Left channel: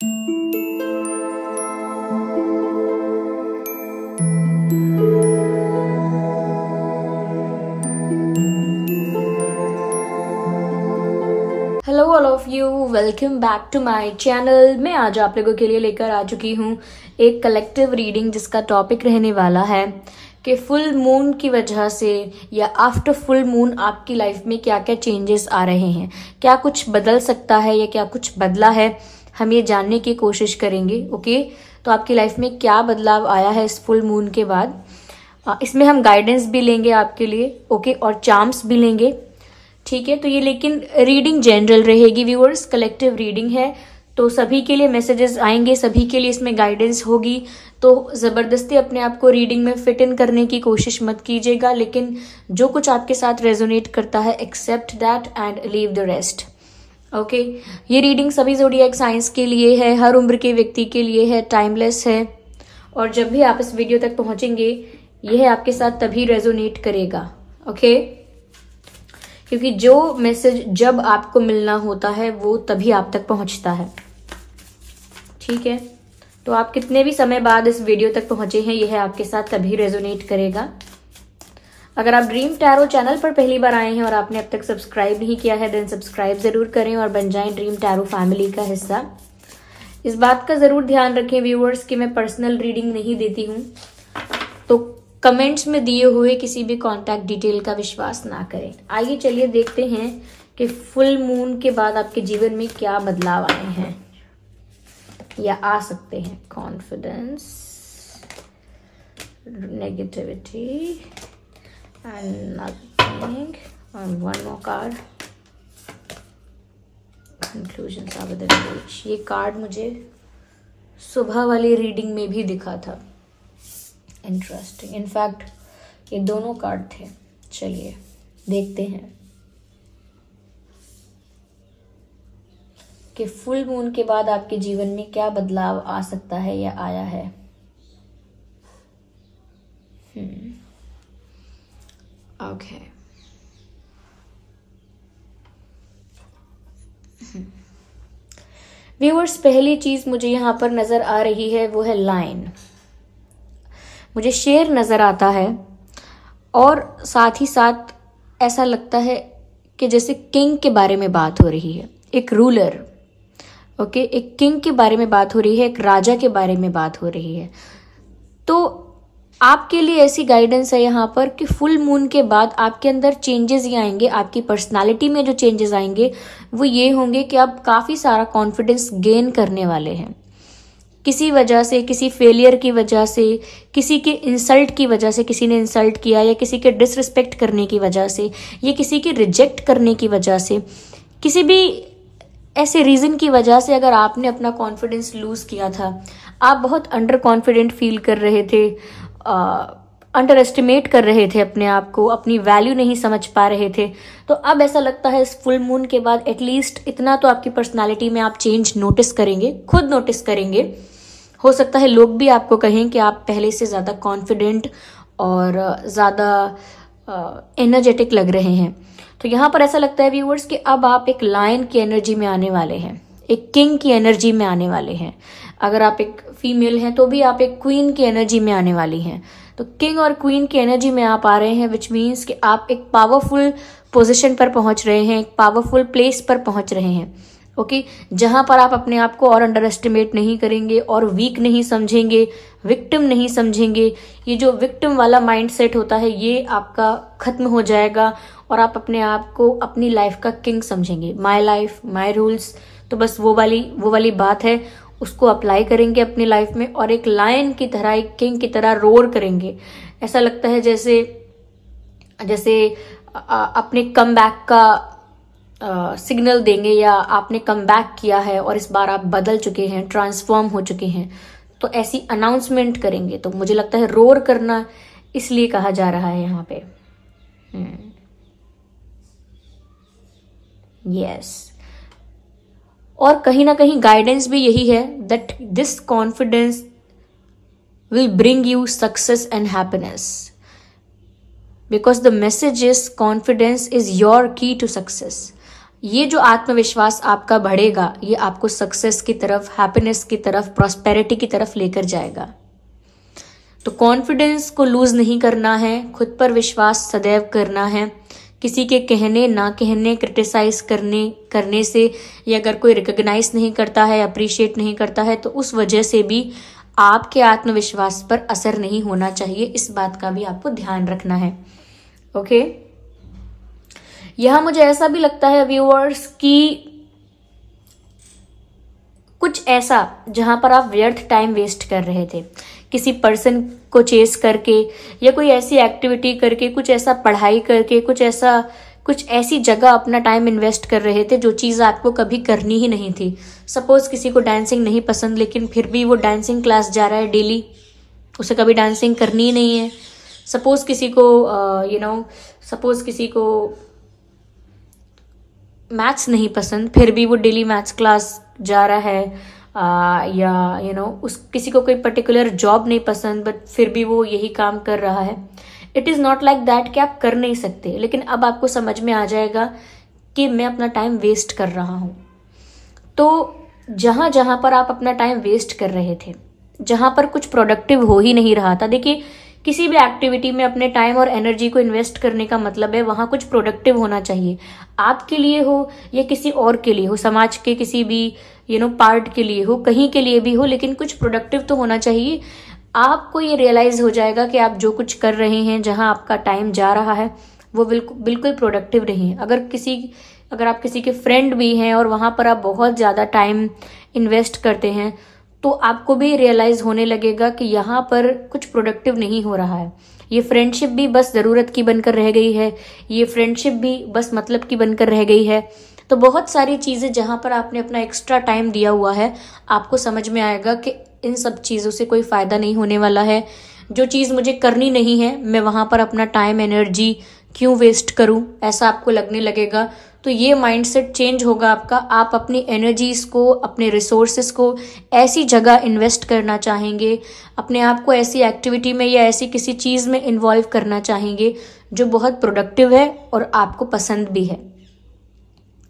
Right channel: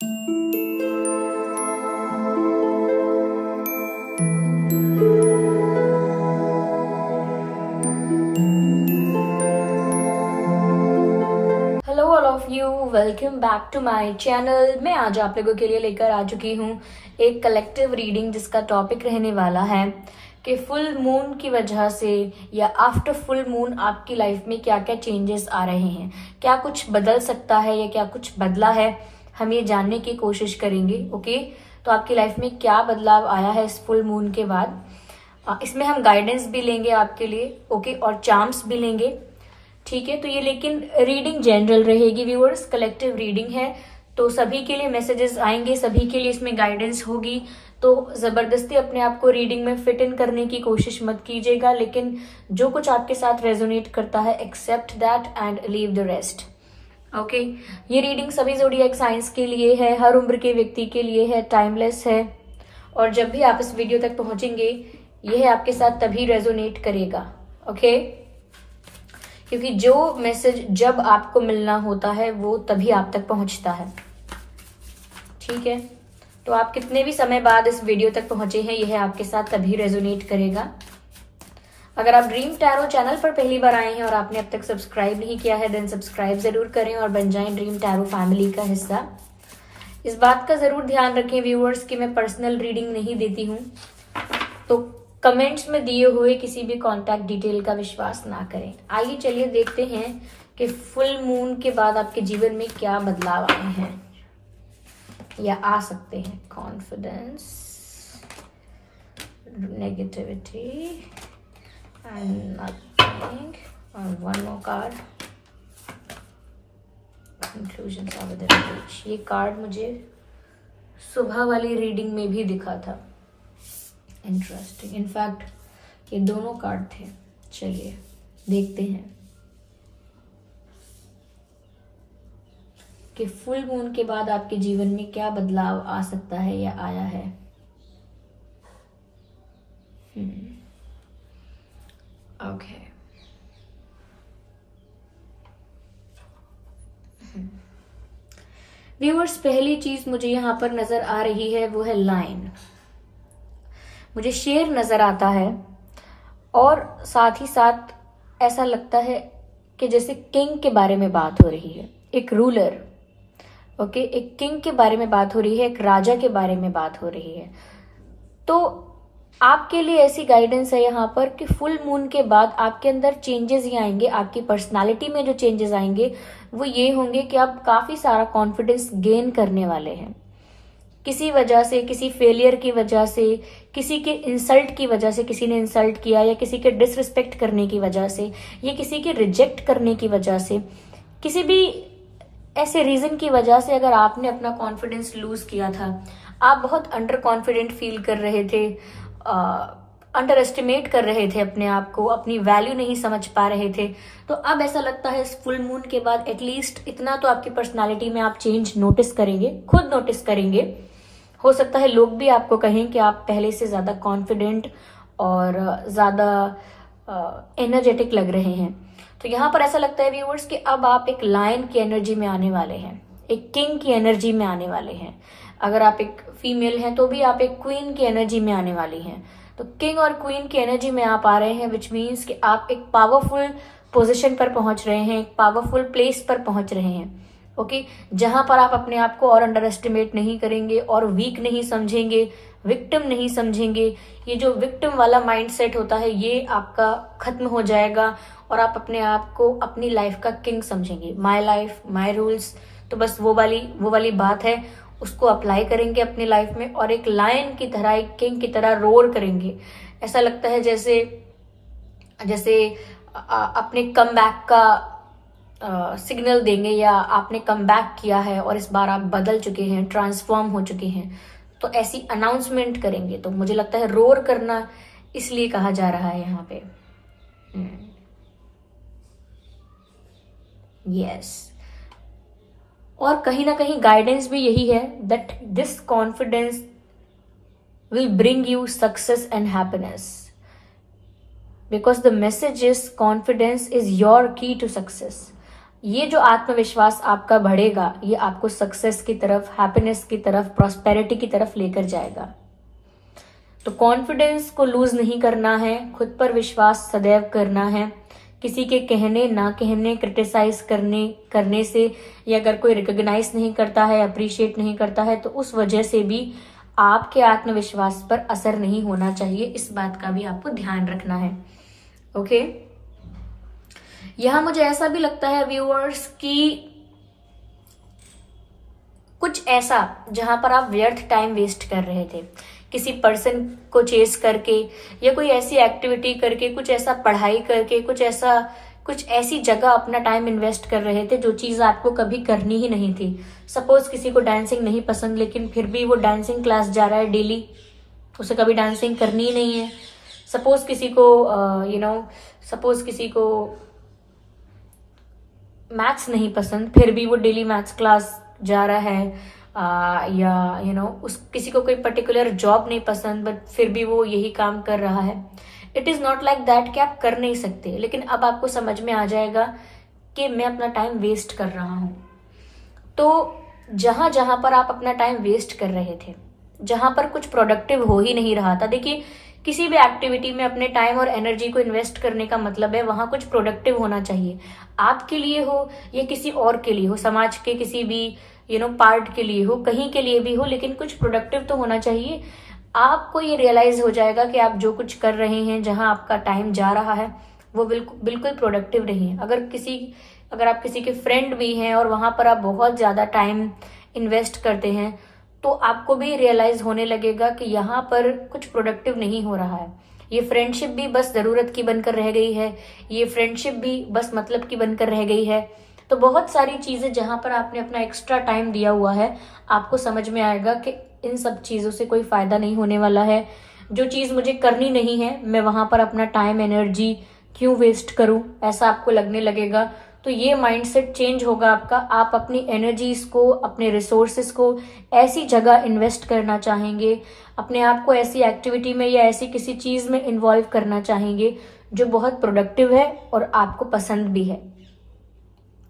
Hello all of you, welcome back to my channel. मैं आज आप लोगों के लिए लेकर आ चुकी हूँ एक कलेक्टिव रीडिंग जिसका टॉपिक रहने वाला है कि फुल मून की वजह से या आफ्टर फुल मून आपकी लाइफ में क्या क्या चेंजेस आ रहे हैं, क्या कुछ बदल सकता है या क्या कुछ बदला है, हम ये जानने की कोशिश करेंगे। ओके, तो आपकी लाइफ में क्या बदलाव आया है इस फुल मून के बाद। इसमें हम गाइडेंस भी लेंगे आपके लिए, ओके, और चार्म्स भी लेंगे, ठीक है। तो ये लेकिन रीडिंग जनरल रहेगी व्यूअर्स, कलेक्टिव रीडिंग है, तो सभी के लिए मैसेजेस आएंगे, सभी के लिए इसमें गाइडेंस होगी। तो जबरदस्ती अपने आप को रीडिंग में फिट इन करने की कोशिश मत कीजिएगा, लेकिन जो कुछ आपके साथ रेजोनेट करता है except that and leave the rest. Okay, ये रीडिंग सभी ज़ोडिएक साइंस के लिए है, हर उम्र के व्यक्ति के लिए है, टाइमलेस है, और जब भी आप इस वीडियो तक पहुंचेंगे यह आपके साथ तभी रेजोनेट करेगा। ओके, क्योंकि जो मैसेज जब आपको मिलना होता है वो तभी आप तक पहुंचता है, ठीक है। तो आप कितने भी समय बाद इस वीडियो तक पहुंचे हैं, यह आपके साथ तभी रेजोनेट करेगा। अगर आप ड्रीम टैरो चैनल पर पहली बार आए हैं और आपने अब तक सब्सक्राइब नहीं किया है, देन सब्सक्राइब जरूर करें और बन जाएं ड्रीम टैरो फैमिली का हिस्सा। इस बात का जरूर ध्यान रखें व्यूअर्स कि मैं पर्सनल रीडिंग नहीं देती हूँ, तो कमेंट्स में दिए हुए किसी भी कांटेक्ट डिटेल का विश्वास ना करें। आइए चलिए देखते हैं कि फुल मून के बाद आपके जीवन में क्या बदलाव आए हैं या आ सकते हैं। Confidence, negativity and nothing, and one more card, conclusions of the reach। ये कार्ड मुझे सुबह वाली रीडिंग में भी दिखा था, इंटरेस्टिंग। इनफैक्ट ये दोनों कार्ड थे। चलिए देखते हैं कि फुल मून के बाद आपके जीवन में क्या बदलाव आ सकता है या आया है। ओके, व्यूअर्स, पहली चीज मुझे यहां पर नजर आ रही है वो है लाइन। मुझे शेर नजर आता है और साथ ही साथ ऐसा लगता है कि जैसे किंग के बारे में बात हो रही है, एक रूलर। ओके, एक किंग के बारे में बात हो रही है, एक राजा के बारे में बात हो रही है। तो आपके लिए ऐसी गाइडेंस है यहाँ पर कि फुल मून के बाद आपके अंदर चेंजेस ही आएंगे। आपकी पर्सनालिटी में जो चेंजेस आएंगे वो ये होंगे कि आप काफी सारा कॉन्फिडेंस गेन करने वाले हैं। किसी वजह से, किसी फेलियर की वजह से, किसी के इंसल्ट की वजह से, किसी ने इंसल्ट किया या किसी के डिसरिस्पेक्ट करने की वजह से या किसी के रिजेक्ट करने की वजह से, किसी भी ऐसे रीजन की वजह से अगर आपने अपना कॉन्फिडेंस लूज किया था, आप बहुत अंडर कॉन्फिडेंट फील कर रहे थे, अंडर एस्टिमेट कर रहे थे अपने आप को, अपनी वैल्यू नहीं समझ पा रहे थे, तो अब ऐसा लगता है इस फुल मून के बाद एटलीस्ट इतना तो आपकी पर्सनालिटी में आप चेंज नोटिस करेंगे, खुद नोटिस करेंगे। हो सकता है लोग भी आपको कहें कि आप पहले से ज्यादा कॉन्फिडेंट और ज्यादा एनर्जेटिक लग रहे हैं। तो यहाँ पर ऐसा लगता है व्यूअर्स कि अब आप एक लायन की एनर्जी में आने वाले हैं, एक किंग की एनर्जी में आने वाले हैं। अगर आप एक फीमेल हैं तो भी आप एक क्वीन की एनर्जी में आने वाली हैं। तो किंग और क्वीन की एनर्जी में आप आ रहे हैं, विच मीन्स कि आप एक पावरफुल पोजीशन पर पहुंच रहे हैं, एक पावरफुल प्लेस पर पहुंच रहे हैं। ओके, जहां पर आप अपने आप को और अंडर एस्टिमेट नहीं करेंगे और वीक नहीं समझेंगे, विक्टिम नहीं समझेंगे। ये जो विक्टिम वाला माइंडसेट होता है ये आपका खत्म हो जाएगा और आप अपने आप को अपनी लाइफ का किंग समझेंगे। माय लाइफ माय रूल्स, तो बस वो वाली बात है, उसको अप्लाई करेंगे अपनी लाइफ में और एक लायन की तरह, एक किंग की तरह रोर करेंगे। ऐसा लगता है जैसे अपने कम बैक का सिग्नल देंगे या आपने कम बैक किया है और इस बार आप बदल चुके हैं, ट्रांसफॉर्म हो चुके हैं, तो ऐसी अनाउंसमेंट करेंगे। तो मुझे लगता है रोर करना इसलिए कहा जा रहा है यहाँ पे। यस, और कहीं ना कहीं गाइडेंस भी यही है that this confidence will bring you success and happiness, because the message is confidence is your की टू सक्सेस। ये जो आत्मविश्वास आपका बढ़ेगा, ये आपको सक्सेस की तरफ, हैप्पीनेस की तरफ, प्रॉस्पेरिटी की तरफ लेकर जाएगा। तो कॉन्फिडेंस को लूज नहीं करना है, खुद पर विश्वास सदैव करना है। किसी के कहने ना कहने, क्रिटिसाइज करने से, या अगर कोई रिकॉग्नाइज नहीं करता है, अप्रिशिएट नहीं करता है, तो उस वजह से भी आपके आत्मविश्वास पर असर नहीं होना चाहिए। इस बात का भी आपको ध्यान रखना है। ओके, यहां मुझे ऐसा भी लगता है व्यूअर्स कि कुछ ऐसा जहां पर आप व्यर्थ टाइम वेस्ट कर रहे थे, किसी पर्सन को चेस करके, या कोई ऐसी एक्टिविटी करके, कुछ ऐसा पढ़ाई करके, कुछ ऐसी जगह अपना टाइम इन्वेस्ट कर रहे थे जो चीज आपको कभी करनी ही नहीं थी। सपोज किसी को डांसिंग नहीं पसंद, लेकिन फिर भी वो डांसिंग क्लास जा रहा है डेली, उसे कभी डांसिंग करनी ही नहीं है। सपोज किसी को मैथ्स नहीं पसंद, फिर भी वो डेली मैथ्स क्लास जा रहा है, या किसी को कोई पर्टिकुलर जॉब नहीं पसंद, बट फिर भी वो यही काम कर रहा है। It is not like that कि आप कर नहीं सकते, लेकिन अब आपको समझ में आ जाएगा कि मैं अपना टाइम वेस्ट कर रहा हूं। तो जहां जहां पर आप अपना टाइम वेस्ट कर रहे थे, जहां पर कुछ प्रोडक्टिव हो ही नहीं रहा था, देखिए किसी भी एक्टिविटी में अपने टाइम और एनर्जी को इन्वेस्ट करने का मतलब है वहां कुछ प्रोडक्टिव होना चाहिए, आपके लिए हो या किसी और के लिए हो, समाज के किसी भी पार्ट के लिए हो, कहीं के लिए भी हो, लेकिन कुछ प्रोडक्टिव तो होना चाहिए। आपको ये रियलाइज हो जाएगा कि आप जो कुछ कर रहे हैं, जहां आपका टाइम जा रहा है, वो बिल्कुल प्रोडक्टिव नहीं है। अगर आप किसी के फ्रेंड भी हैं और वहां पर आप बहुत ज्यादा टाइम इन्वेस्ट करते हैं, तो आपको भी रियलाइज होने लगेगा कि यहाँ पर कुछ प्रोडक्टिव नहीं हो रहा है। ये फ्रेंडशिप भी बस जरूरत की बनकर रह गई है, ये फ्रेंडशिप भी बस मतलब की बनकर रह गई है। तो बहुत सारी चीजें जहां पर आपने अपना एक्स्ट्रा टाइम दिया हुआ है, आपको समझ में आएगा कि इन सब चीजों से कोई फायदा नहीं होने वाला है। जो चीज मुझे करनी नहीं है, मैं वहां पर अपना टाइम एनर्जी क्यों वेस्ट करूं, ऐसा आपको लगने लगेगा। तो ये माइंडसेट चेंज होगा आपका। आप अपनी एनर्जीज को, अपने रिसोर्सेस को ऐसी जगह इन्वेस्ट करना चाहेंगे, अपने आप को ऐसी एक्टिविटी में या ऐसी किसी चीज में इन्वॉल्व करना चाहेंगे जो बहुत प्रोडक्टिव है और आपको पसंद भी है।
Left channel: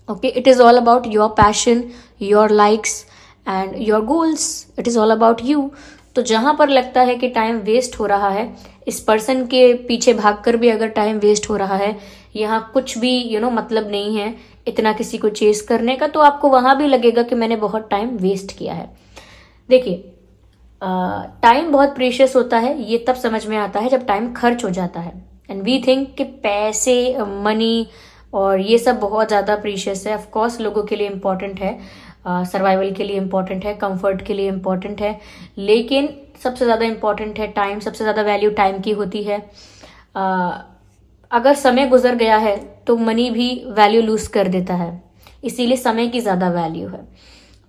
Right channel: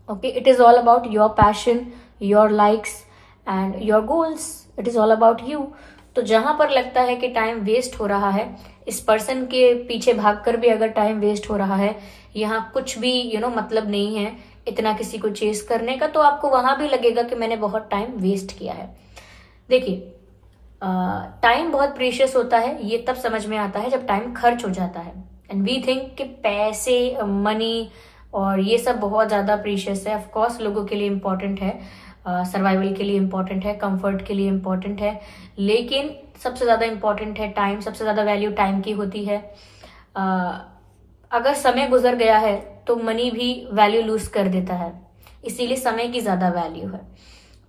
Okay, it is all about your passion, your likes and your goals. It is all about you. तो जहां पर लगता है कि टाइम वेस्ट हो रहा है, इस पर्सन के पीछे भागकर भी अगर टाइम वेस्ट हो रहा है, यहाँ कुछ भी मतलब नहीं है इतना किसी को चेस करने का, तो आपको वहां भी लगेगा कि मैंने बहुत टाइम वेस्ट किया है। देखिए, टाइम बहुत प्रीशियस होता है, ये तब समझ में आता है जब टाइम खर्च हो जाता है। एंड वी थिंक कि पैसे, मनी और ये सब बहुत ज्यादा प्रीशियस है। ऑफ कोर्स लोगों के लिए इंपॉर्टेंट है, सर्वाइवल के लिए इंपॉर्टेंट है, कंफर्ट के लिए इंपॉर्टेंट है, लेकिन सबसे ज्यादा इंपॉर्टेंट है टाइम। सबसे ज्यादा वैल्यू टाइम की होती है। अगर समय गुजर गया है तो मनी भी वैल्यू लूज कर देता है, इसीलिए समय की ज्यादा वैल्यू है।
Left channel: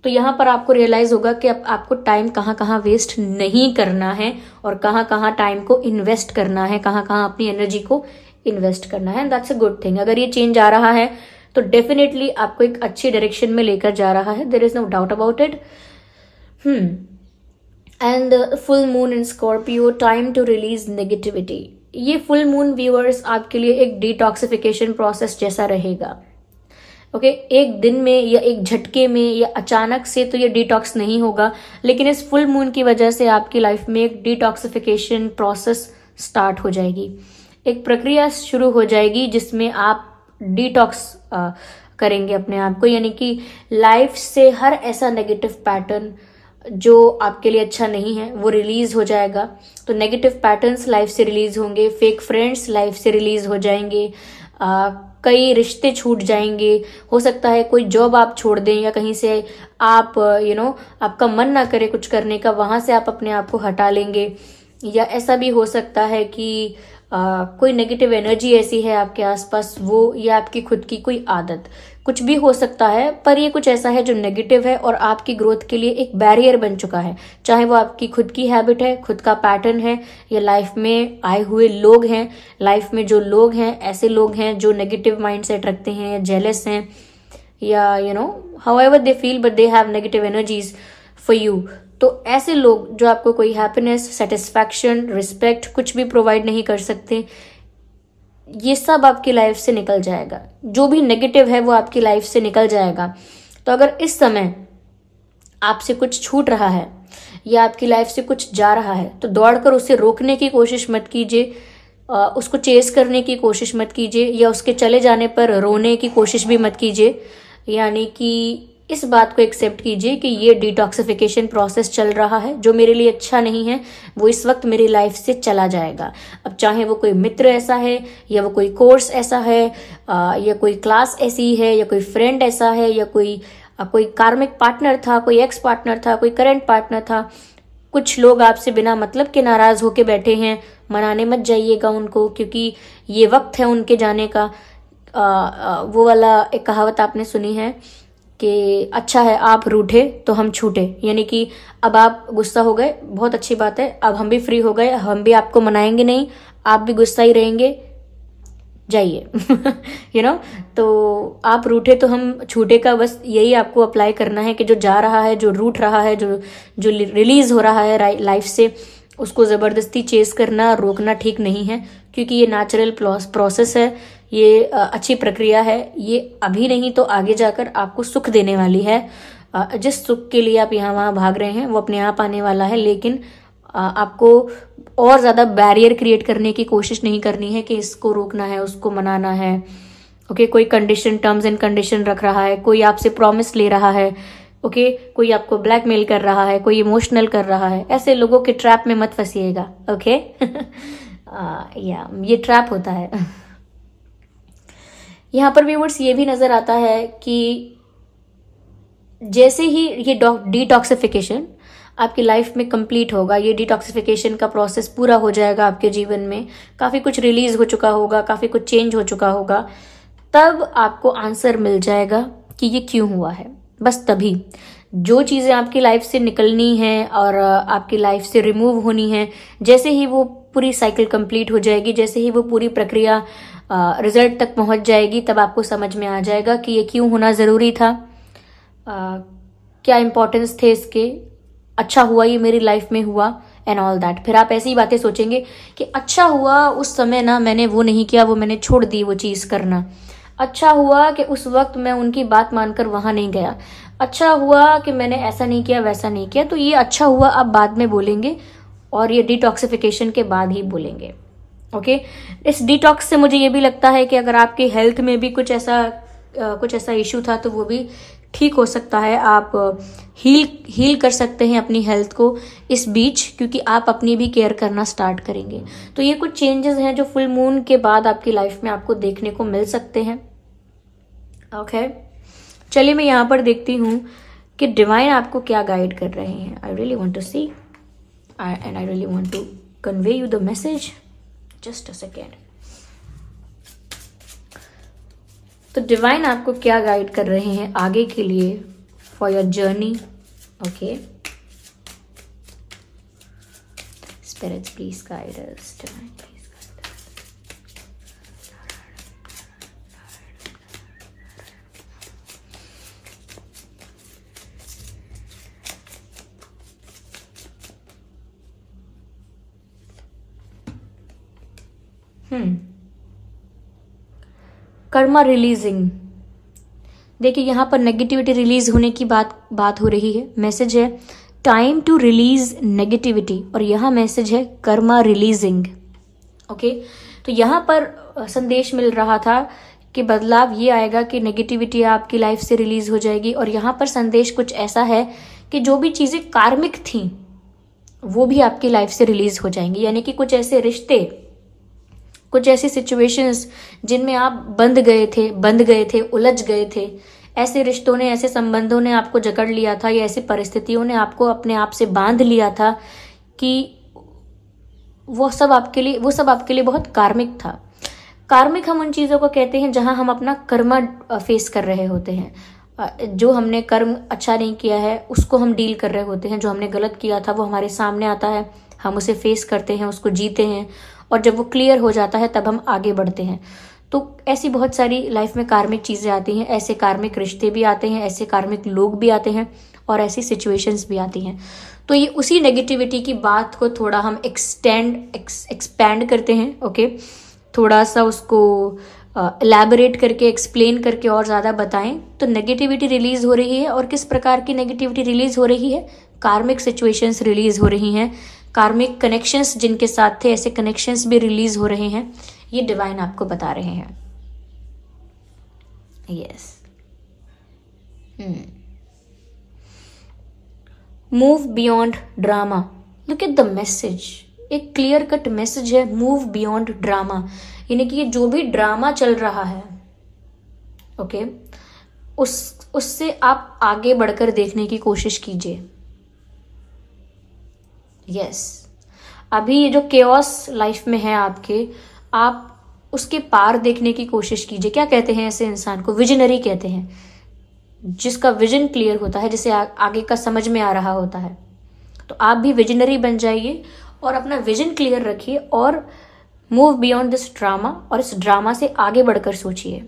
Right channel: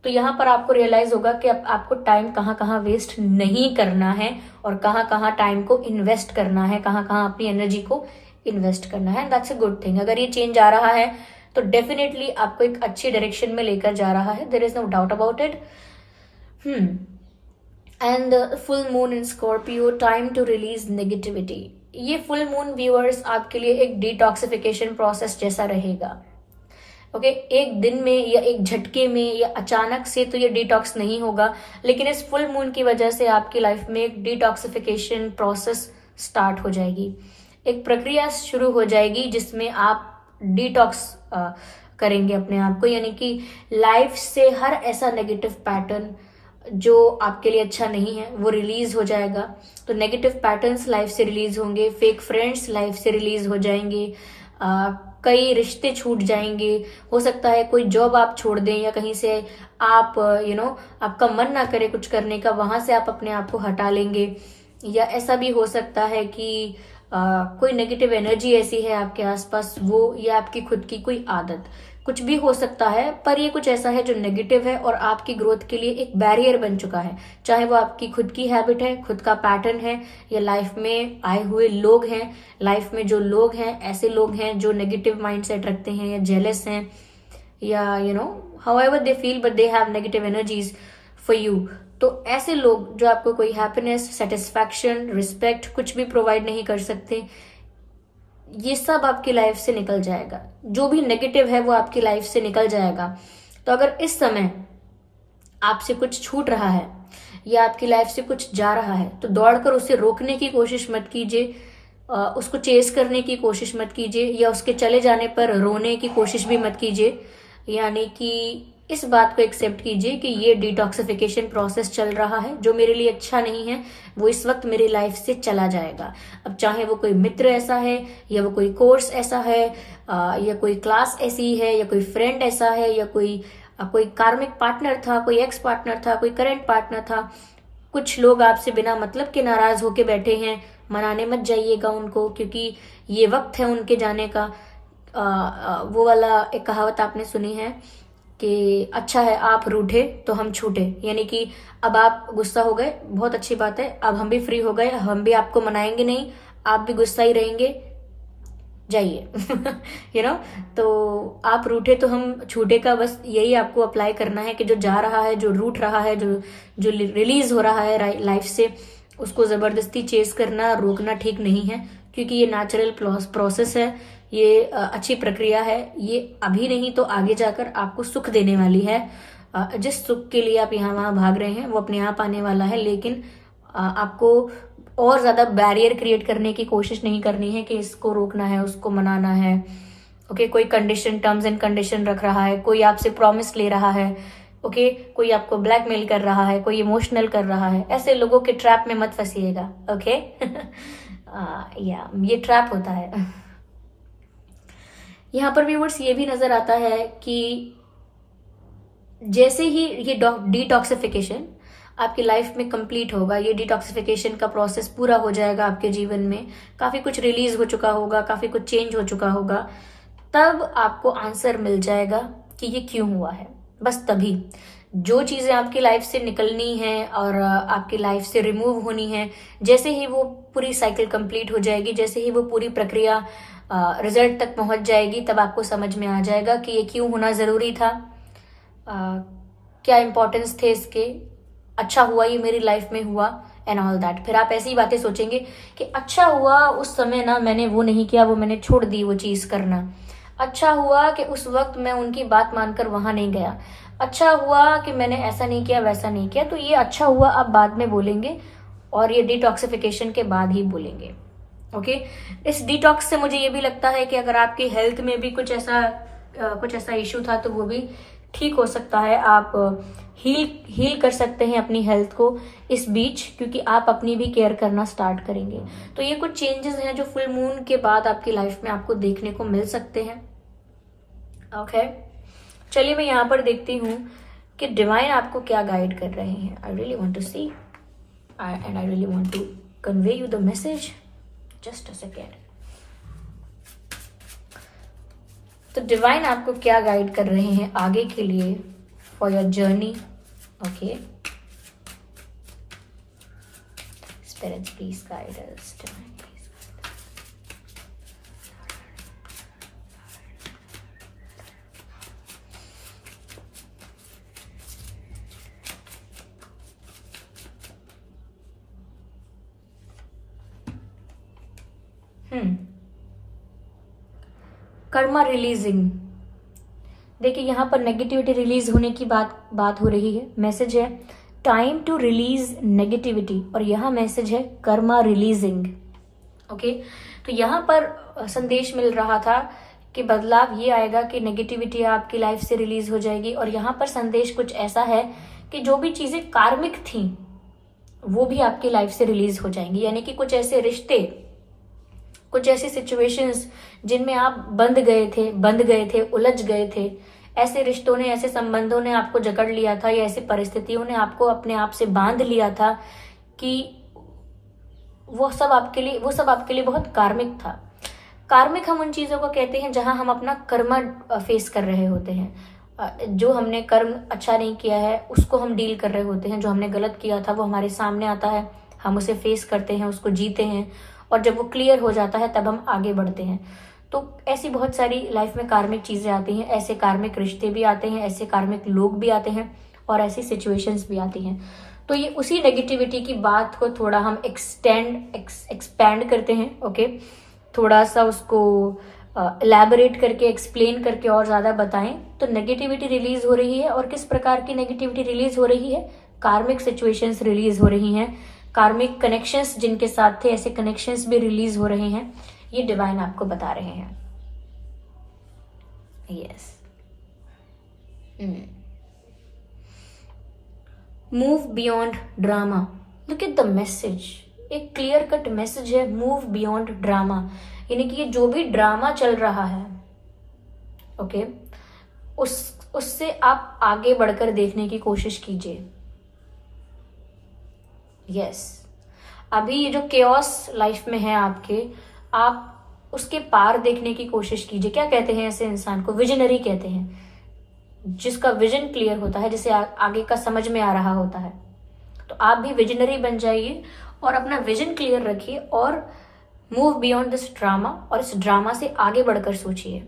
तो यहाँ पर आपको रियलाइज होगा कि अब आपको टाइम कहाँ कहाँ वेस्ट नहीं करना है और कहाँ कहाँ टाइम को इन्वेस्ट करना है, कहाँ कहाँ अपनी एनर्जी को इन्वेस्ट करना है। That's a good thing. अगर ये चेंज आ रहा है तो डेफिनेटली आपको एक अच्छी डायरेक्शन में लेकर जा रहा है, there is no doubt about it. And full moon in Scorpio, time to release negativity. ये फुल मून व्यूअर्स आपके लिए एक डिटॉक्सिफिकेशन प्रोसेस जैसा रहेगा। ओके, एक दिन में या एक झटके में या अचानक से तो ये डिटॉक्स नहीं होगा, लेकिन इस फुल मून की वजह से आपकी लाइफ में एक डिटॉक्सिफिकेशन प्रोसेस स्टार्ट हो जाएगी। एक प्रक्रिया शुरू हो जाएगी जिसमें आप डिटॉक्स करेंगे अपने आप को, यानी कि लाइफ से हर ऐसा नेगेटिव पैटर्न जो आपके लिए अच्छा नहीं है वो रिलीज हो जाएगा। तो नेगेटिव पैटर्न्स लाइफ से रिलीज होंगे, फेक फ्रेंड्स लाइफ से रिलीज हो जाएंगे, कई रिश्ते छूट जाएंगे। हो सकता है कोई जॉब आप छोड़ दें या कहीं से आप आपका मन ना करे कुछ करने का, वहां से आप अपने आप को हटा लेंगे। या ऐसा भी हो सकता है कि कोई नेगेटिव एनर्जी ऐसी है आपके आसपास, वो या आपकी खुद की कोई आदत, कुछ भी हो सकता है, पर ये कुछ ऐसा है जो नेगेटिव है और आपकी ग्रोथ के लिए एक बैरियर बन चुका है। चाहे वो आपकी खुद की हैबिट है, खुद का पैटर्न है, या लाइफ में आए हुए लोग हैं। लाइफ में जो लोग हैं, ऐसे लोग हैं जो नेगेटिव माइंडसेट रखते हैं या जेलस हैं, या however they feel but they have negative energies for you. तो ऐसे लोग जो आपको कोई हैप्पीनेस, सेटिस्फैक्शन, रिस्पेक्ट कुछ भी प्रोवाइड नहीं कर सकते, ये सब आपकी लाइफ से निकल जाएगा, जो भी नेगेटिव है वो आपकी लाइफ से निकल जाएगा। तो अगर इस समय आपसे कुछ छूट रहा है या आपकी लाइफ से कुछ जा रहा है तो दौड़कर उसे रोकने की कोशिश मत कीजिए, उसको चेस करने की कोशिश मत कीजिए, या उसके चले जाने पर रोने की कोशिश भी मत कीजिए। यानी कि इस बात को एक्सेप्ट कीजिए कि ये डिटॉक्सिफिकेशन प्रोसेस चल रहा है, जो मेरे लिए अच्छा नहीं है वो इस वक्त मेरी लाइफ से चला जाएगा। अब चाहे वो कोई मित्र ऐसा है, या वो कोई कोर्स ऐसा है, या कोई क्लास ऐसी है, या कोई फ्रेंड ऐसा है, या कोई कार्मिक पार्टनर था, कोई एक्स पार्टनर था, कोई करंट पार्टनर था। कुछ लोग आपसे बिना मतलब के नाराज होके बैठे हैं, मनाने मत जाइएगा उनको, क्योंकि ये वक्त है उनके जाने का। वो वाला एक कहावत आपने सुनी है कि अच्छा है आप रूठे तो हम छूटे, यानी कि अब आप गुस्सा हो गए, बहुत अच्छी बात है, अब हम भी फ्री हो गए, हम भी आपको मनाएंगे नहीं, आप भी गुस्सा ही रहेंगे, जाइए। यू नो, तो आप रूठे तो हम छूटे का बस यही आपको अप्लाई करना है कि जो जा रहा है, जो रूठ रहा है, जो रिलीज हो रहा है लाइफ से, उसको जबरदस्ती चेस करना, रोकना ठीक नहीं है, क्योंकि ये नेचुरल प्रोसेस है, ये अच्छी प्रक्रिया है। ये अभी नहीं तो आगे जाकर आपको सुख देने वाली है। जिस सुख के लिए आप यहाँ वहां भाग रहे हैं वो अपने आप आने वाला है, लेकिन आपको और ज्यादा बैरियर क्रिएट करने की कोशिश नहीं करनी है कि इसको रोकना है, उसको मनाना है। ओके, कोई कंडीशन, टर्म्स एंड कंडीशन रख रहा है, कोई आपसे प्रॉमिस ले रहा है, ओके, कोई आपको ब्लैकमेल कर रहा है, कोई इमोशनल कर रहा है, ऐसे लोगों के ट्रैप में मत फंसिएगा। ओके। या ये ट्रैप होता है। यहाँ पर व्यूअर्स ये भी नजर आता है कि जैसे ही ये डिटॉक्सिफिकेशन आपकी लाइफ में कंप्लीट होगा, ये डिटॉक्सिफिकेशन का प्रोसेस पूरा हो जाएगा आपके जीवन में, काफी कुछ रिलीज हो चुका होगा, काफी कुछ चेंज हो चुका होगा, तब आपको आंसर मिल जाएगा कि ये क्यों हुआ है। बस तभी जो चीजें आपकी लाइफ से निकलनी है और आपकी लाइफ से रिमूव होनी है, जैसे ही वो पूरी साइकिल कंप्लीट हो जाएगी, जैसे ही वो पूरी प्रक्रिया रिजल्ट तक पहुंच जाएगी, तब आपको समझ में आ जाएगा कि ये क्यों होना जरूरी था, क्या इंपॉर्टेंस थे इसके, अच्छा हुआ ये मेरी लाइफ में हुआ, एंड ऑल दैट। फिर आप ऐसी बातें सोचेंगे कि अच्छा हुआ उस समय ना मैंने वो नहीं किया, वो मैंने छोड़ दी वो चीज करना, अच्छा हुआ कि उस वक्त मैं उनकी बात मानकर वहां नहीं गया, अच्छा हुआ कि मैंने ऐसा नहीं किया, वैसा नहीं किया। तो ये अच्छा हुआ आप बाद में बोलेंगे और ये डिटॉक्सिफिकेशन के बाद ही बोलेंगे। ओके, इस डिटॉक्स से मुझे ये भी लगता है कि अगर आपकी हेल्थ में भी कुछ ऐसा इश्यू था तो वो भी ठीक हो सकता है। आप हील कर सकते हैं अपनी हेल्थ को इस बीच, क्योंकि आप अपनी भी केयर करना स्टार्ट करेंगे। तो ये कुछ चेंजेस हैं जो फुल मून के बाद आपकी लाइफ में आपको देखने को मिल सकते हैं। ओके, चलिए मैं यहाँ पर देखती हूँ कि डिवाइन आपको क्या गाइड कर रहे हैं। I really want to see and I really want to convey you the message. Just a second. तो डिवाइन आपको क्या गाइड कर रहे हैं आगे के लिए for your journey. Okay, spirits please guide us, divine please guide us. Karma releasing. देखिए यहाँ पर नेगेटिविटी रिलीज होने की बात हो रही है। मैसेज है टाइम टू रिलीज नेगेटिविटी, और यहाँ मैसेज है कर्मा रिलीजिंग। ओके, तो यहाँ पर संदेश मिल रहा था कि बदलाव ये आएगा कि नेगेटिविटी आपकी लाइफ से रिलीज हो जाएगी। और यहाँ पर संदेश कुछ ऐसा है कि जो भी चीजें कार्मिक थी वो भी आपकी लाइफ से रिलीज हो जाएंगी। यानी कि कुछ ऐसे रिश्ते, कुछ ऐसी सिचुएशंस जिनमें आप बंध गए थे, उलझ गए थे, ऐसे रिश्तों ने, ऐसे संबंधों ने आपको जकड़ लिया था, या ऐसी परिस्थितियों ने आपको अपने आप से बांध लिया था कि वो सब आपके लिए बहुत कार्मिक था। कार्मिक हम उन चीजों को कहते हैं जहां हम अपना कर्मा फेस कर रहे होते हैं। जो हमने कर्म अच्छा नहीं किया है उसको हम डील कर रहे होते हैं, जो हमने गलत किया था वो हमारे सामने आता है, हम उसे फेस करते हैं, उसको जीते हैं, और जब वो क्लियर हो जाता है तब हम आगे बढ़ते हैं। तो ऐसी बहुत सारी लाइफ में कार्मिक चीजें आती हैं, ऐसे कार्मिक रिश्ते भी आते हैं, ऐसे कार्मिक लोग भी आते हैं, और ऐसी सिचुएशंस भी आती हैं। तो ये उसी नेगेटिविटी की बात को थोड़ा हम एक्सपैंड करते हैं। ओके, थोड़ा सा उसको एलैबोरेट करके, एक्सप्लेन करके और ज़्यादा बताएं तो नेगेटिविटी रिलीज हो रही है। और किस प्रकार की नेगेटिविटी रिलीज हो रही है? कार्मिक सिचुएशंस रिलीज हो रही हैं, कार्मिक कनेक्शंस जिनके साथ थे ऐसे कनेक्शंस भी रिलीज हो रहे हैं, ये डिवाइन आपको बता रहे हैं। Yes. Move beyond drama. Look at the message, एक क्लियर कट मैसेज है, मूव बियॉन्ड ड्रामा। यानी कि ये जो भी ड्रामा चल रहा है, ओके, उससे आप आगे बढ़कर देखने की कोशिश कीजिए। यस, अभी ये जो केओस लाइफ में है आपके, आप उसके पार देखने की कोशिश कीजिए। क्या कहते हैं ऐसे इंसान को? विजनरी कहते हैं, जिसका विजन क्लियर होता है, जिसे आगे का समझ में आ रहा होता है। तो आप भी विजनरी बन जाइए और अपना विजन क्लियर रखिए और मूव बियॉन्ड दिस ड्रामा, और इस ड्रामा से आगे बढ़कर सोचिए।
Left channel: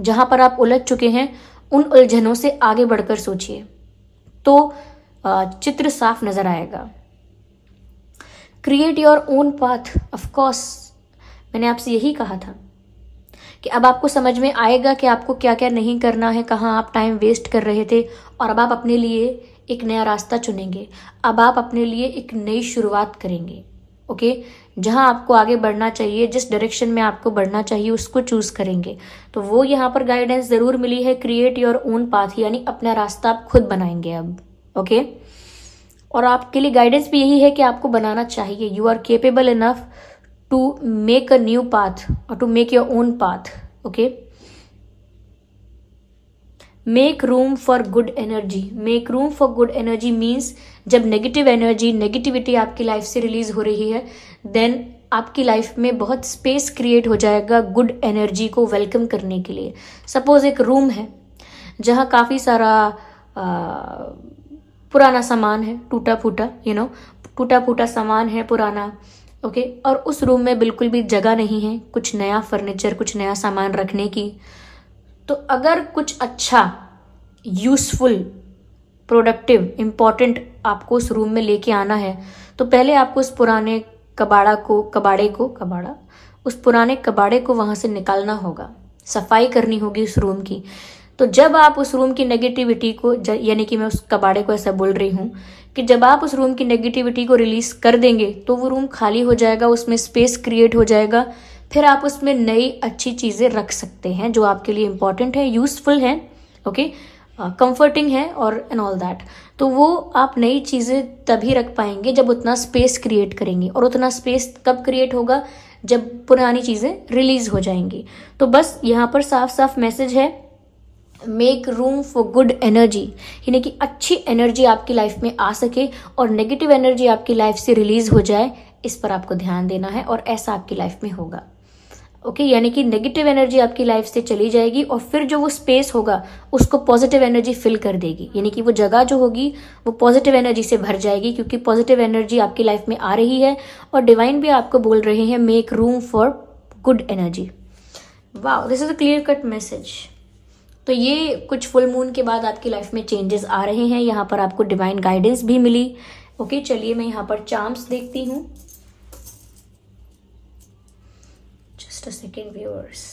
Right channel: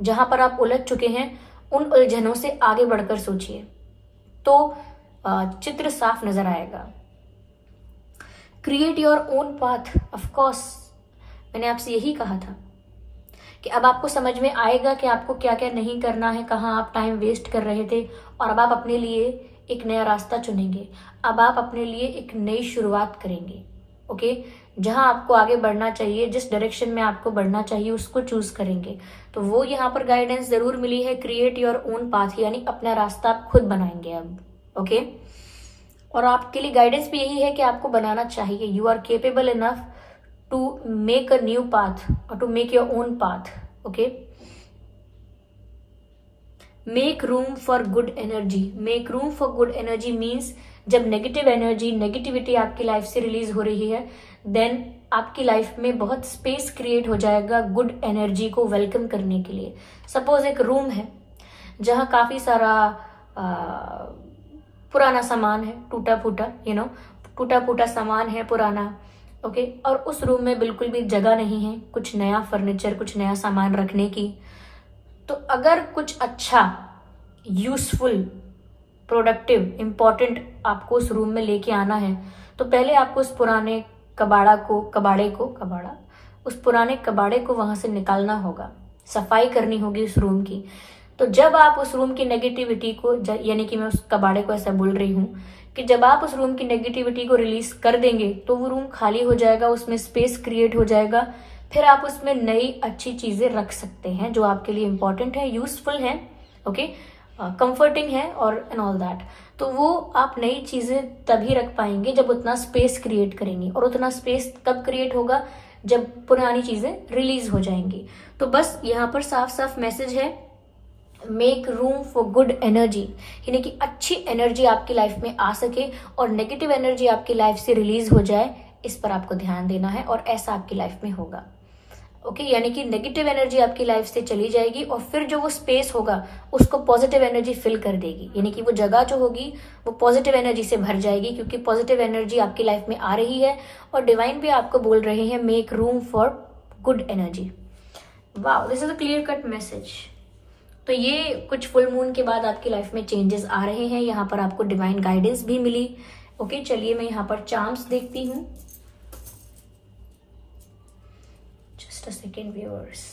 जहां पर आप उलझ चुके हैं उन उलझनों से आगे बढ़कर सोचिए तो चित्र साफ नजर आएगा। Create your own path. Of course मैंने आपसे यही कहा था कि अब आपको समझ में आएगा कि आपको क्या क्या नहीं करना है, कहाँ आप टाइम वेस्ट कर रहे थे, और अब आप अपने लिए एक नया रास्ता चुनेंगे। अब आप अपने लिए एक नई शुरुआत करेंगे। ओके, जहां आपको आगे बढ़ना चाहिए, जिस डायरेक्शन में आपको बढ़ना चाहिए उसको चूज करेंगे। तो वो यहाँ पर गाइडेंस जरूर मिली है, क्रिएट योर ओन पाथ, यानी अपना रास्ता आप खुद बनाएंगे अब। ओके, और आपके लिए गाइडेंस भी यही है कि आपको बनाना चाहिए। You are capable enough to make a new path और to make your own path. Okay, make room for good energy. Make room for good energy means जब नेगेटिव एनर्जी, नेगेटिविटी आपकी लाइफ से रिलीज हो रही है, then आपकी life में बहुत स्पेस क्रिएट हो जाएगा गुड एनर्जी को वेलकम करने के लिए। सपोज एक रूम है जहां काफी सारा पुराना सामान है, टूटा फूटा, टूटा फूटा सामान है पुराना। ओके, और उस रूम में बिल्कुल भी जगह नहीं है कुछ नया फर्नीचर, कुछ नया सामान रखने की। तो अगर कुछ अच्छा, यूजफुल, प्रोडक्टिव, इंपॉर्टेंट आपको उस रूम में लेके आना है तो पहले आपको उस पुराने उस पुराने कबाड़े को वहां से निकालना होगा, सफाई करनी होगी उस रूम की। तो जब आप उस रूम की नेगेटिविटी को, यानी कि मैं उस कबाड़े को ऐसा बोल रही हूँ कि जब आप उस रूम की नेगेटिविटी को रिलीज कर देंगे तो वो रूम खाली हो जाएगा, उसमें स्पेस क्रिएट हो जाएगा। फिर आप उसमें नई अच्छी चीजें रख सकते हैं जो आपके लिए इंपॉर्टेंट है, यूजफुल है, ओके, कंफर्टिंग है और एंड ऑल दैट। तो वो आप नई चीजें तभी रख पाएंगे जब उतना स्पेस क्रिएट करेंगे, और उतना स्पेस कब क्रिएट होगा? जब पुरानी चीजें रिलीज हो जाएंगी। तो बस यहाँ पर साफ साफ मैसेज है, make room for good energy, यानी कि अच्छी एनर्जी आपकी लाइफ में आ सके और नेगेटिव एनर्जी आपकी लाइफ से रिलीज हो जाए, इस पर आपको ध्यान देना है और ऐसा आपकी लाइफ में होगा। ओके, यानी कि नेगेटिव एनर्जी आपकी लाइफ से चली जाएगी और फिर जो वो स्पेस होगा उसको पॉजिटिव एनर्जी फिल कर देगी, यानी कि वो जगह जो होगी वो पॉजिटिव एनर्जी से भर जाएगी, क्योंकि पॉजिटिव एनर्जी आपकी लाइफ में आ रही है और डिवाइन भी आपको बोल रहे हैं make room for good energy. Wow, this is a clear cut message. तो ये कुछ फुल मून के बाद आपकी लाइफ में चेंजेस आ रहे हैं, यहाँ पर आपको डिवाइन गाइडेंस भी मिली। ओके, चलिए मैं यहाँ पर चार्म्स देखती हूँ। Just a second, viewers.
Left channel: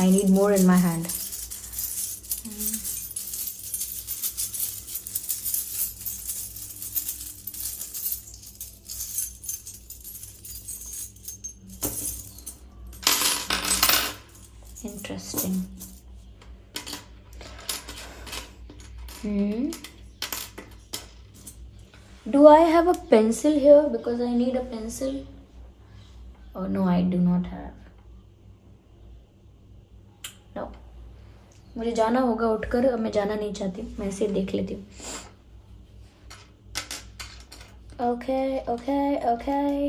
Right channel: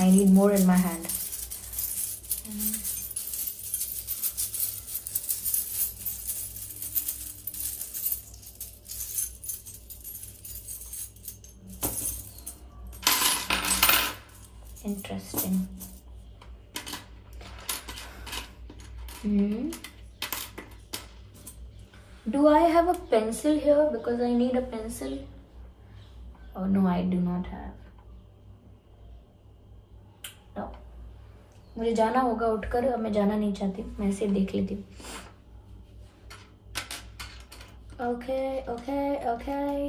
I need more in my hand. Interesting. Do I have a pencil here? Because I need a pencil. Oh no, I do not have. मुझे जाना होगा उठकर, अब मैं जाना नहीं चाहती, मैं इसे देख लेती हूँ। Okay okay okay,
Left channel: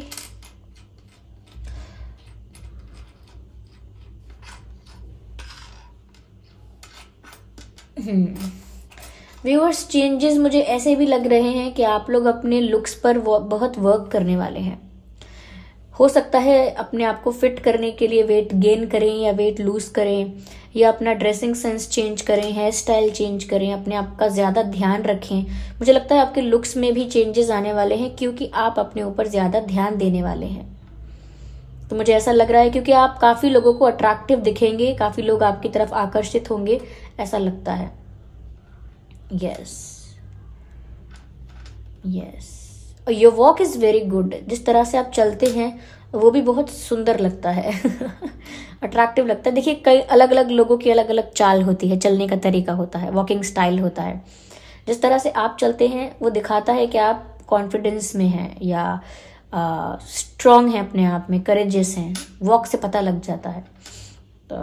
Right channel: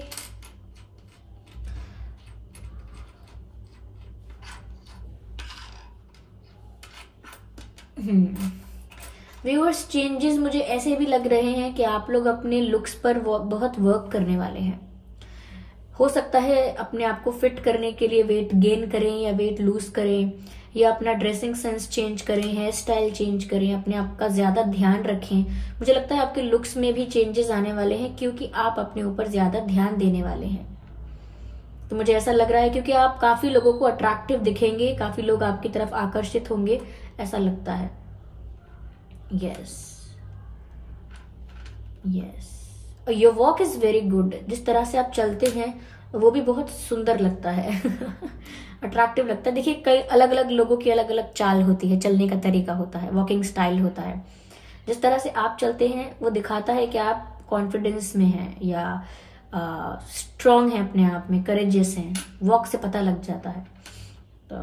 viewers, changes मुझे ऐसे भी लग रहे हैं कि आप लोग अपने लुक्स पर बहुत वर्क करने वाले हैं। हो सकता है अपने आप को फिट करने के लिए वेट गेन करें या वेट लूज करें, या अपना ड्रेसिंग सेंस चेंज करें, हेयर स्टाइल चेंज करें, अपने आप का ज्यादा ध्यान रखें। मुझे लगता है आपके लुक्स में भी चेंजेस आने वाले हैं, क्योंकि आप अपने ऊपर ज्यादा ध्यान देने वाले हैं। तो मुझे ऐसा लग रहा है क्योंकि आप काफी लोगों को अट्रैक्टिव दिखेंगे, काफी लोग आपकी तरफ आकर्षित होंगे, ऐसा लगता है। Yes yes, your walk is very good. जिस तरह से आप चलते हैं वो भी बहुत सुंदर लगता है अट्रैक्टिव लगता है। देखिए, कई अलग अलग लोगों की अलग अलग चाल होती है, चलने का तरीका होता है, वॉकिंग स्टाइल होता है। जिस तरह से आप चलते हैं वो दिखाता है कि आप कॉन्फिडेंस में हैं या स्ट्रांग हैं, अपने आप में करेजियस हैं। वॉक से पता लग जाता है। तो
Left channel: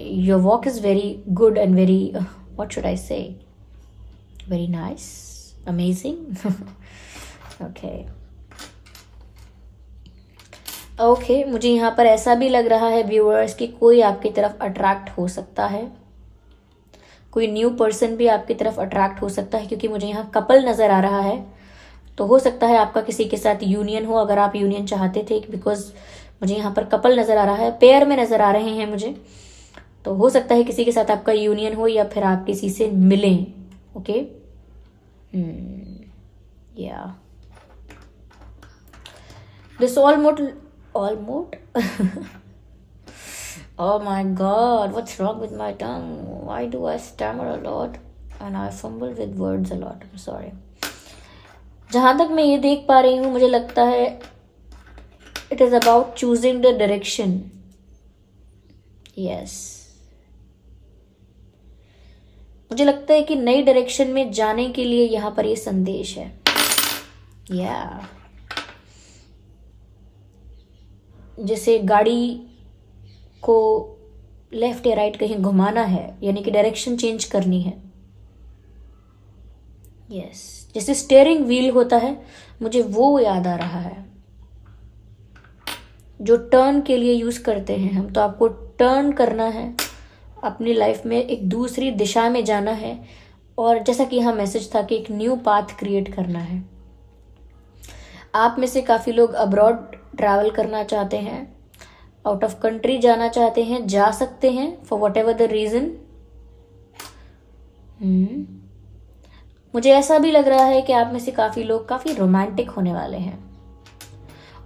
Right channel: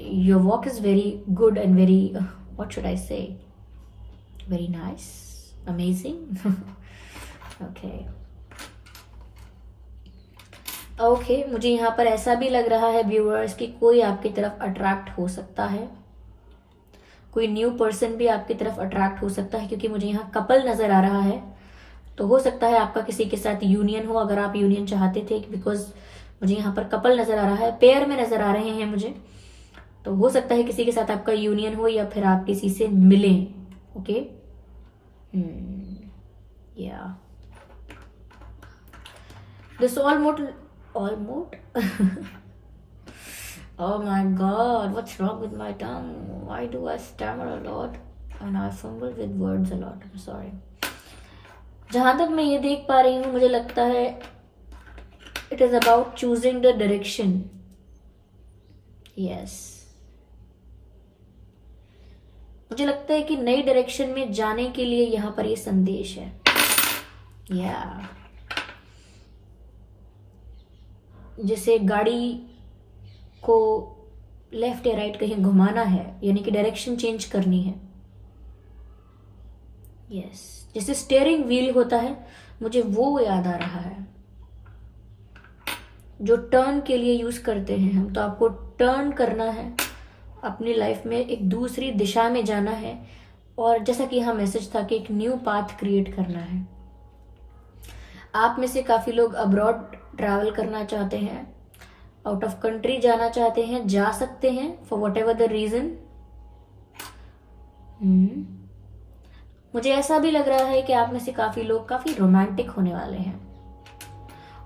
your walk is very good and very, what should I से, वेरी नाइस, अमेजिंग। ओके, मुझे यहाँ पर ऐसा भी लग रहा है व्यूअर्स कि कोई आपकी तरफ अट्रैक्ट हो सकता है, कोई न्यू पर्सन भी आपकी तरफ अट्रैक्ट हो सकता है, क्योंकि मुझे यहाँ कपल नजर आ रहा है। तो हो सकता है आपका किसी के साथ यूनियन हो, अगर आप यूनियन चाहते थे, बिकॉज मुझे यहाँ पर कपल नजर आ रहा है, पेयर में नजर आ रहे हैं मुझे। तो हो सकता है किसी के साथ आपका यूनियन हो या फिर आप किसी से मिलें। ओके, या this almost oh my god, what's wrong with my tongue? Why do I stammer a lot and I fumble with words a lot? I'm sorry. जहां तक मैं ये देख पा रही हूं, मुझे लगता है it is about choosing the direction. Yes, मुझे लगता है कि नई डायरेक्शन में जाने के लिए यहां पर ये संदेश है। जैसे गाड़ी को लेफ्ट या राइट कहीं घुमाना है, यानी कि डायरेक्शन चेंज करनी है। यस, जैसे स्टीयरिंग व्हील होता है, मुझे वो याद आ रहा है जो टर्न के लिए यूज करते हैं हम। तो आपको टर्न करना है, अपनी लाइफ में एक दूसरी दिशा में जाना है, और जैसा कि यहाँ मैसेज था कि एक न्यू पाथ क्रिएट करना है। आप में से काफी लोग अब्रॉड ट्रैवल करना चाहते हैं, आउट ऑफ कंट्री जाना चाहते हैं, जा सकते हैं for whatever the reason. मुझे ऐसा भी लग रहा है कि आप में से काफी लोग काफी रोमांटिक होने वाले हैं,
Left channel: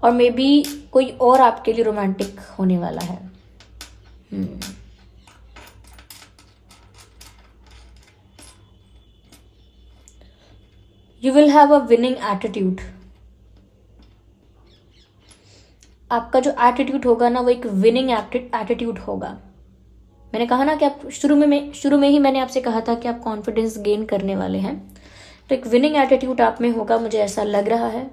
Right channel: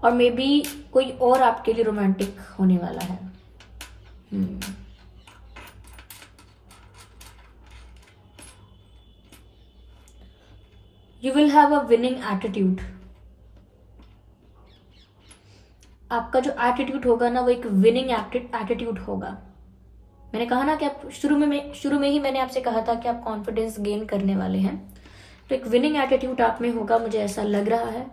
और मे बी कोई और आपके लिए रोमांटिक होने वाला है। You will have a winning attitude. आपका जो एटीट्यूड होगा ना, वो एक विनिंग एटीट्यूड होगा। मैंने कहा ना कि आप शुरू में ही मैंने आपसे कहा था कि आप कॉन्फिडेंस गेन करने वाले हैं। तो एक विनिंग एटीट्यूड आप में होगा, मुझे ऐसा लग रहा है।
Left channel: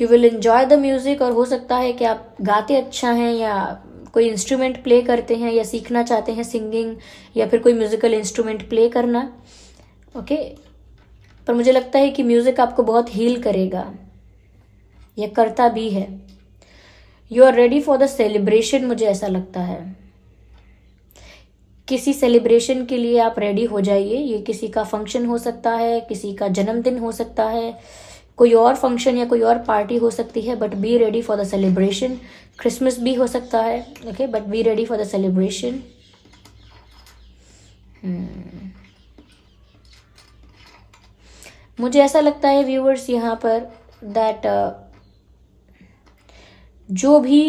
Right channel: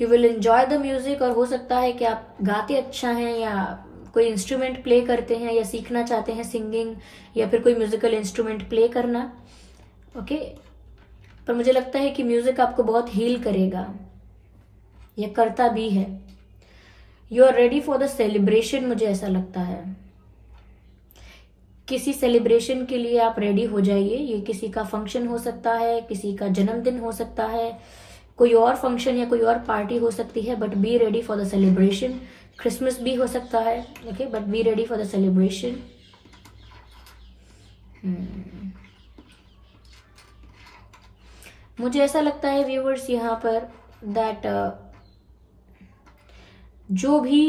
You will enjoy the music, और हो सकता है कि आप गाते अच्छा हैं, या कोई इंस्ट्रूमेंट प्ले करते हैं, या सीखना चाहते हैं सिंगिंग, या फिर कोई म्यूजिकल इंस्ट्रूमेंट प्ले करना। ओके, पर मुझे लगता है कि म्यूजिक आपको बहुत हील करेगा, या करता भी है। You are ready for the celebration, मुझे ऐसा लगता है। किसी सेलिब्रेशन के लिए आप रेडी हो जाइए। ये किसी का फंक्शन हो सकता है, किसी का जन्मदिन हो सकता है, कोई और फंक्शन या कोई और पार्टी हो सकती है, but be ready for the celebration. Christmas भी हो सकता है, okay, but be ready for the celebration. मुझे ऐसा लगता है व्यूअर्स यहाँ पर दैट जो भी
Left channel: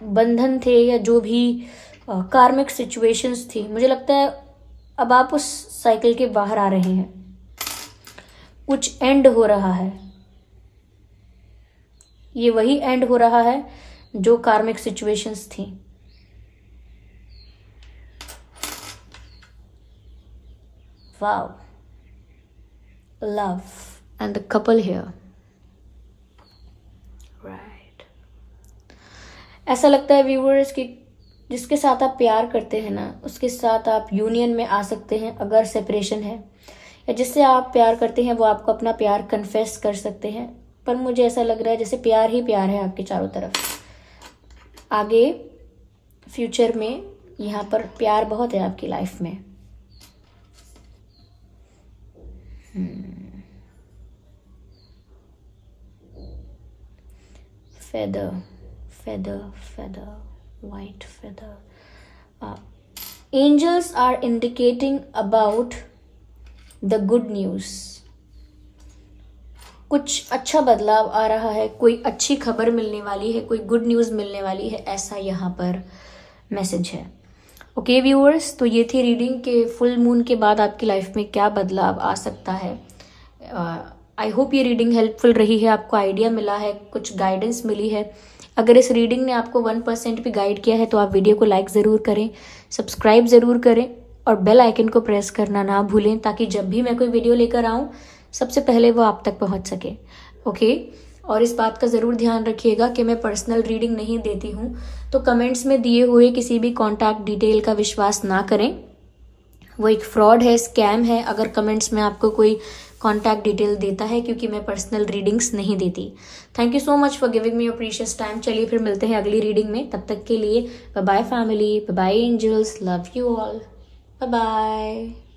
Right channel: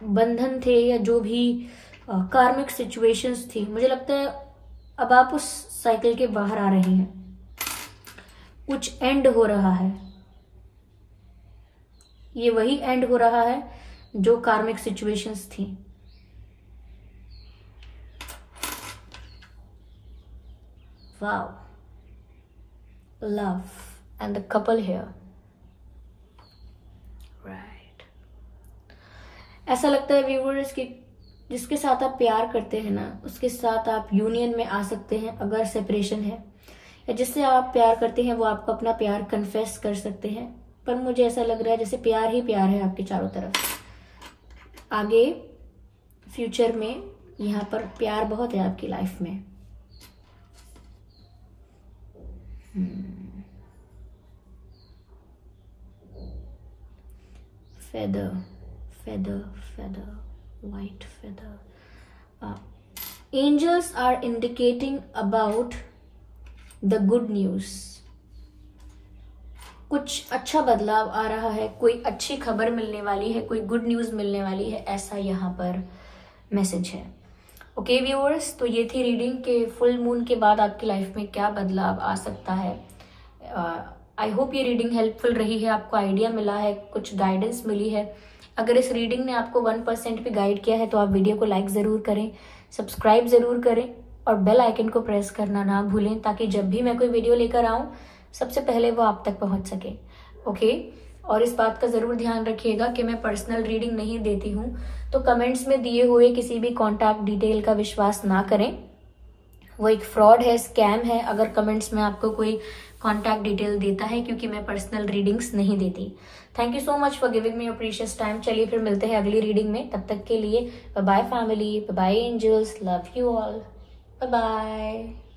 बंधन थे या जो भी कार्मिक सिचुएशंस थी, मुझे लगता है अब आप उस साइकिल के बाहर आ रहे हैं। कुछ एंड हो रहा है, ये वही एंड हो रहा है जो कार्मिक सिचुएशंस थी। Wow, love and the couple here, right. ऐसा लगता है व्यूअर्स कि जिसके साथ आप प्यार करते हैं ना, उसके साथ आप यूनियन में आ सकते हैं अगर सेपरेशन है, या जिससे आप प्यार करते हैं वो आपको अपना प्यार कन्फेस कर सकते हैं। पर मुझे ऐसा लग रहा है जैसे प्यार ही प्यार है आपके चारों तरफ। आगे फ्यूचर में यहाँ पर प्यार बहुत है आपकी लाइफ में। feather, feather, feather, white feather. Angels are indicating about the good news. कुछ अच्छा बदलाव आ रहा है, कोई अच्छी खबर मिलने वाली है, कोई गुड न्यूज मिलने वाली है, ऐसा यहाँ पर मैसेज है। ओके व्यूअर्स, तो ये थी रीडिंग के फुल मून के बाद आपकी लाइफ में क्या बदलाव आ सकता है। आई होप ये रीडिंग हेल्पफुल रही है, आपको आइडिया मिला है, कुछ गाइडेंस मिली है। अगर इस रीडिंग ने आपको 1% भी गाइड किया है तो आप वीडियो को लाइक ज़रूर करें, सब्सक्राइब ज़रूर करें और बेल आइकन को प्रेस करना ना भूलें, ताकि जब भी मैं कोई वीडियो लेकर आऊँ सबसे पहले वो आप तक पहुँच सके। ओके, और इस बात का ज़रूर ध्यान रखिएगा कि मैं पर्सनल रीडिंग नहीं देती हूँ, तो कमेंट्स में दिए हुए किसी भी कॉन्टैक्ट डिटेल का विश्वास ना करें, वो एक फ्रॉड है, स्कैम है अगर कमेंट्स में आपको कोई कॉन्टैक्ट डिटेल देता है, क्योंकि मैं पर्सनल रीडिंग्स नहीं देती। Thank you so much for giving me your precious time. चलिए फिर मिलते हैं अगली रीडिंग में, तब तक के लिए bye bye family, bye bye angels, love you all, bye bye.